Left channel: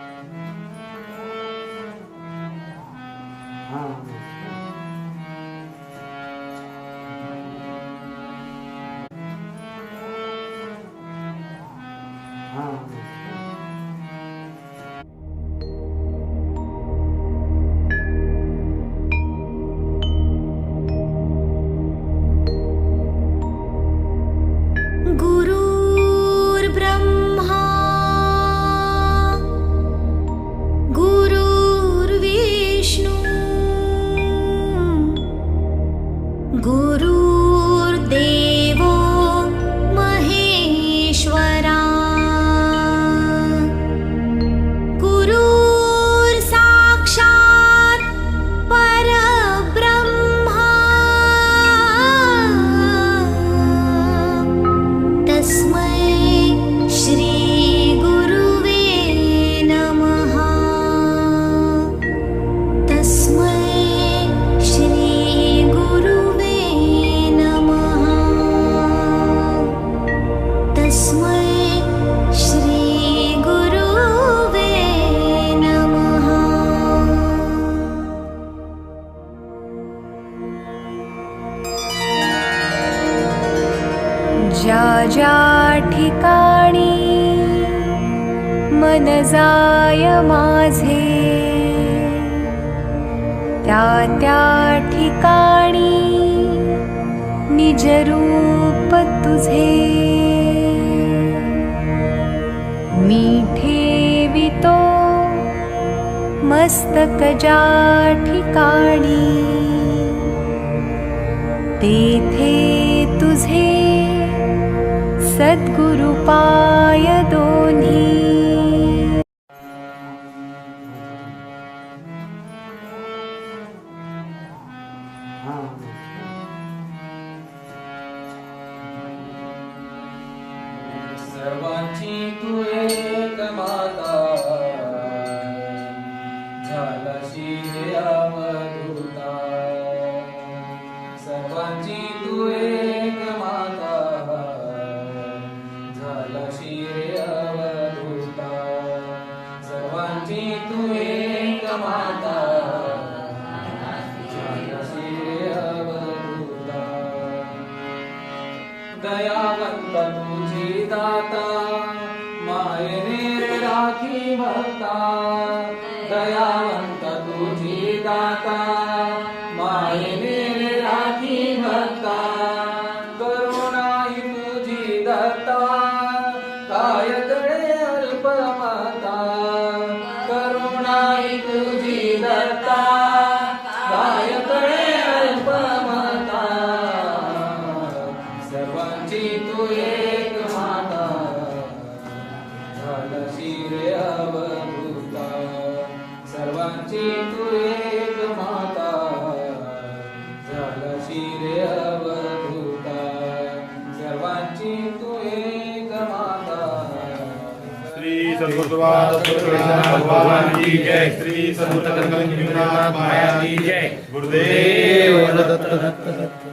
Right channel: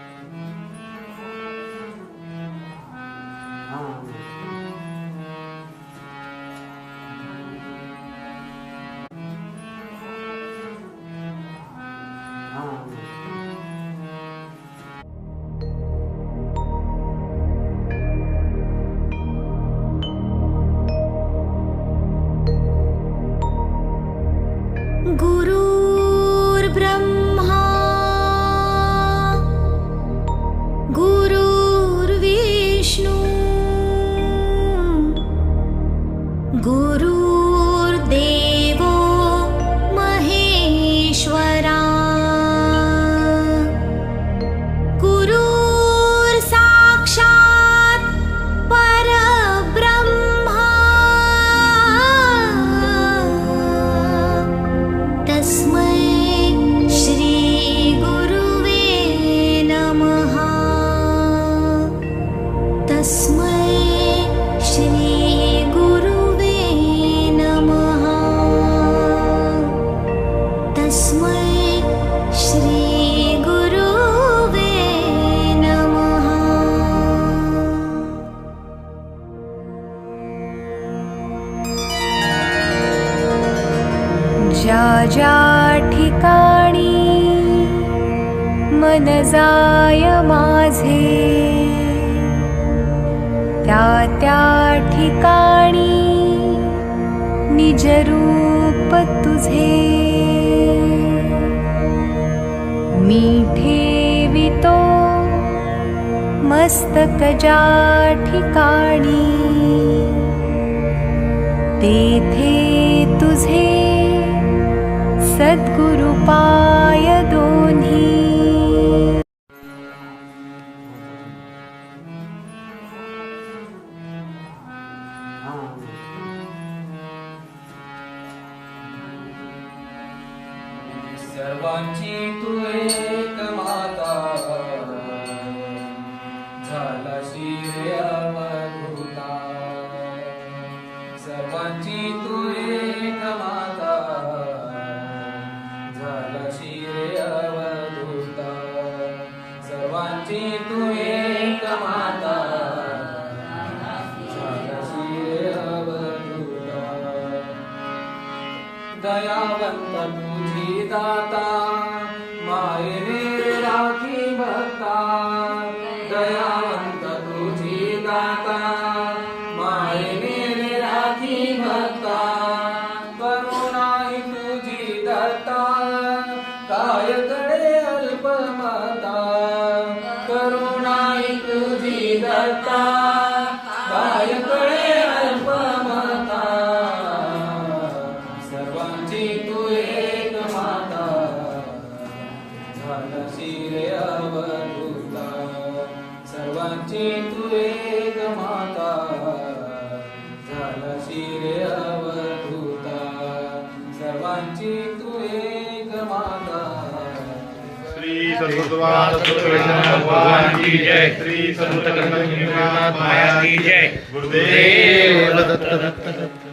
啊。ज्या ठिकाणी मन जाय माझे. त्या त्या ठिकाणी निज रूप तुझे. मी ठेवितो मस्तक ज्या ठिकाणी. तेथे तुझे सद्गुरुपाय दोन्ही राखी भक्ता दयावंत तुझी दाता मायने राखी भक्ता। करुणा तुझी दत्ता काय तळे अल्पमता। तू एक माता अवधूता. सर्वांची तू एक माता. श्री भगवान की जय. श्री संत गणपतीनाथ माया की जय. गुरुदेव दत्त दत्त. दत्त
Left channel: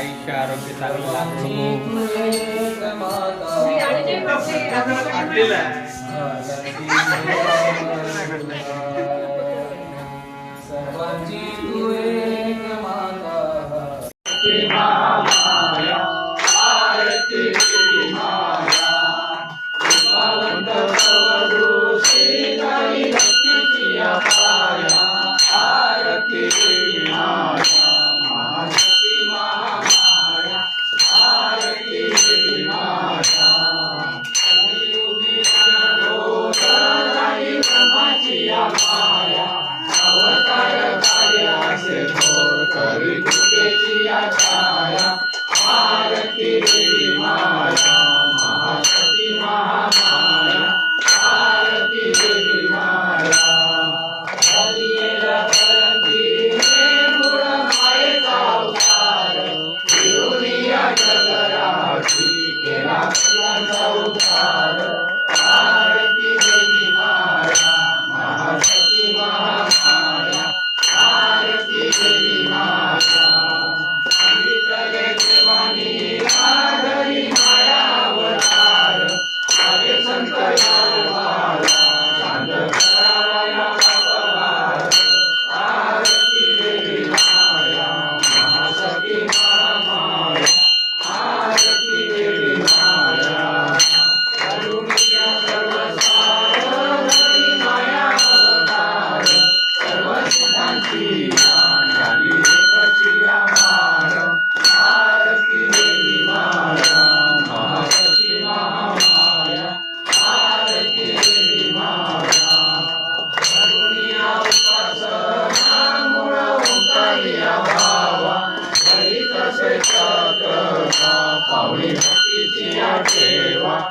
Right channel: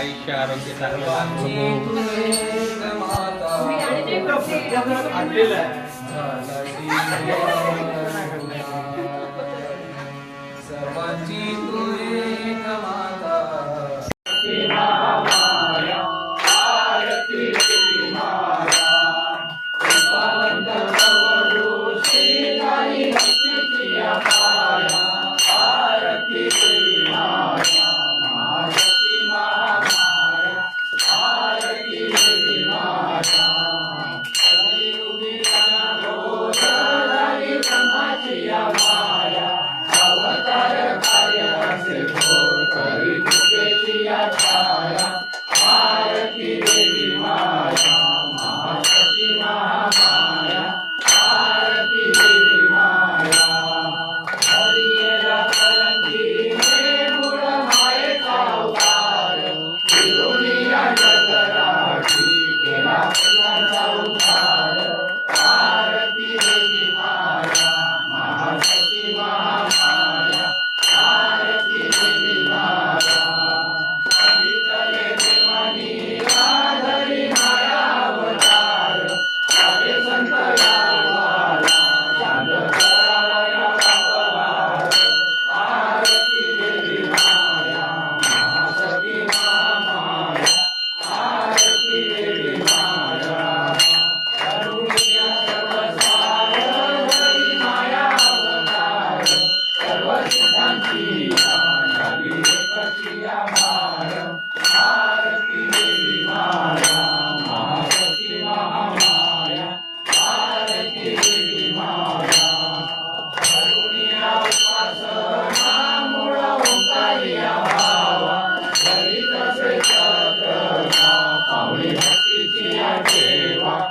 आयुष्य आरोग्य सर्वांची करी महामाया आरती माया। 好利还是第二给我。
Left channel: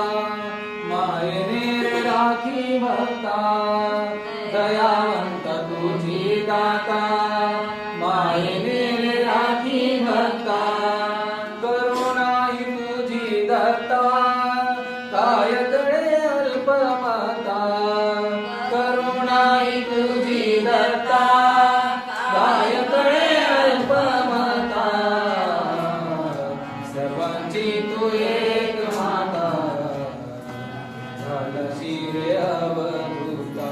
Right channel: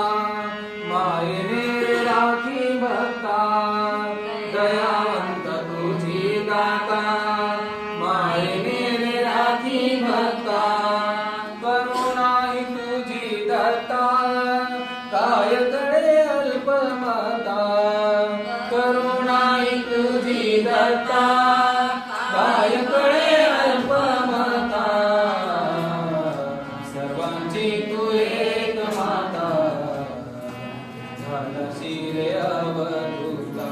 अल्पमता करुणा तुझी दत्ता अल्पमता. सर्वांची तू एक माता झालशी रे अवधूता.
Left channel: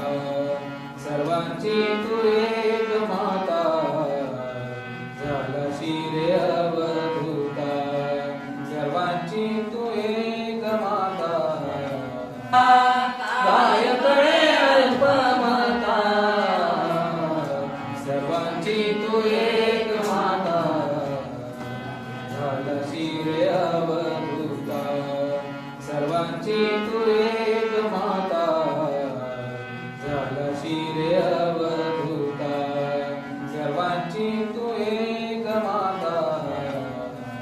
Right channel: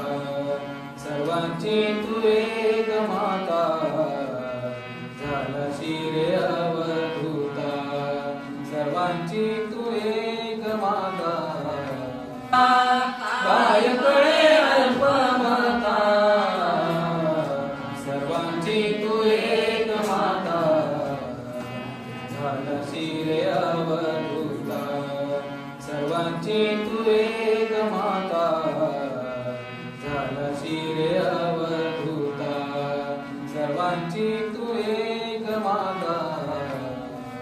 सर्वांची तू शिरवभूता सर्वांची तुरे माता. झाला शिरवभूता सर्वांची